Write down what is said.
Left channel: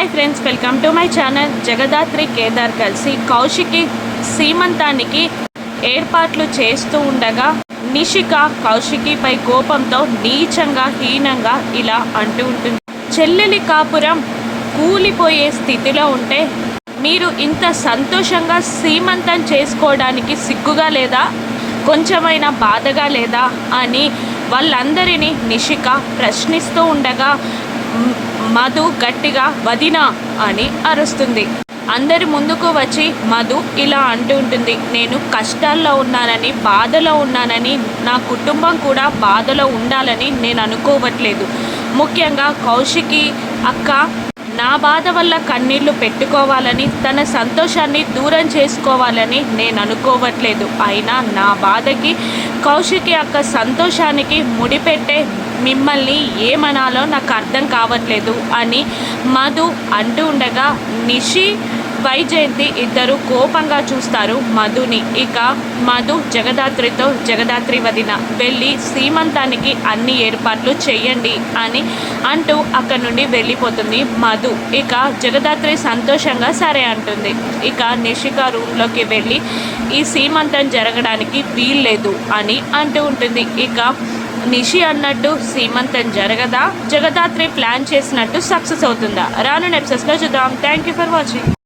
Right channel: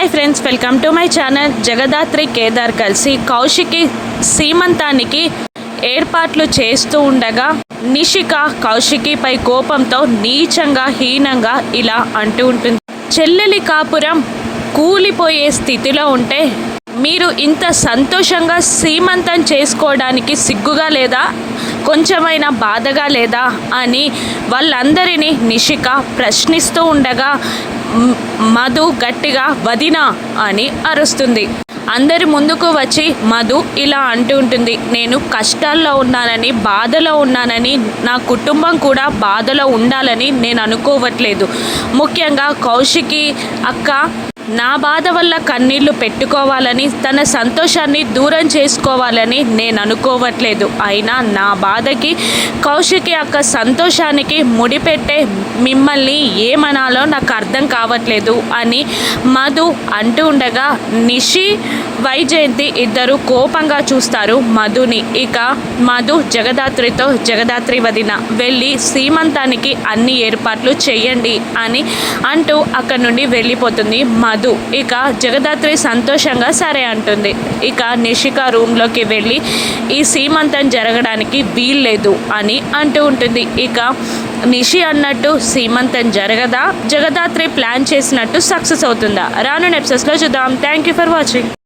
Hi friends welcome to my channel. Jagadhatri Kedar కలిసి కౌశికి సీమంతానికి ఏర్పాట్లు చేస్తూ ఉండగా నిషిక కౌశికిపై కోపంతో నీచంగా హీనంగా ఇలా అంటూ ఉంటుంది. చెల్లెలి కాపురం కూలిపోయే స్థితిలో ఉంటే మీరు ఇంత సంతోషంగా సీమంతం చేసుకోవడానికి సిగ్గుగా లేదా కొంచెమైనా బాధగా లేదా అని వాళ్ళందరినీ నిషిక ప్రశ్నిస్తూ ఉండగా మధు గట్టిగా వదిన అని అరుస్తుంది. అందరి ముందుకు వచ్చి మధు ఇలా అంటూ ఉంటుంది నేను కష్టాల్లో ఉన్నానని బాధలో ఉన్నానని నా కుటుంబం కూడా బాధలో ఉండాలని నేను అనుకోవట్లేదు. ముఖ్యంగా కౌశికి అక్క నా బాధ వల్ల కన్నీళ్ళు పెట్టుకోవాలని తన సంతోషాన్ని దూరం చేసుకోవాలని నేను అనుకోవట్లేదు. అయినా నా బాధకి కౌశికి అక్క సంతోషానికి ముడిపెట్టే మిమ్మల్ని ఏమనాలో నాకు అర్థం కావట్లేదు అని మధు అంటూ ఉండగా నిషి వైజయంతి ఇద్దరు కోపంగా చూస్తారు మధుని. ఇక మధు జగదాత్రితో జగదాత్రి వదిన వెళ్ళి సీమంతానికి అన్ని ఏర్పాట్లు చేయండి అని అంటూ అక్కడి నుండి వెళ్ళిపోతుంది మధు. ఇక జగదాత్రి సంతోషంగా సరే అంటుంది. ఇక నిషిక రూమ్లోకి వెళ్ళి ఈ సీమంతం జరగడానికి వీల్లేదు అని అంటూ ఉంటుంది. ఇక నిషి అన్నట్టు సీమంతం జరగదా? జగదాత్రి ప్లాన్ చేసినట్టు సక్సెస్ అవుతుందా? రాను ఎపిసోడ్స్లో చూద్దాం. Thank you for watching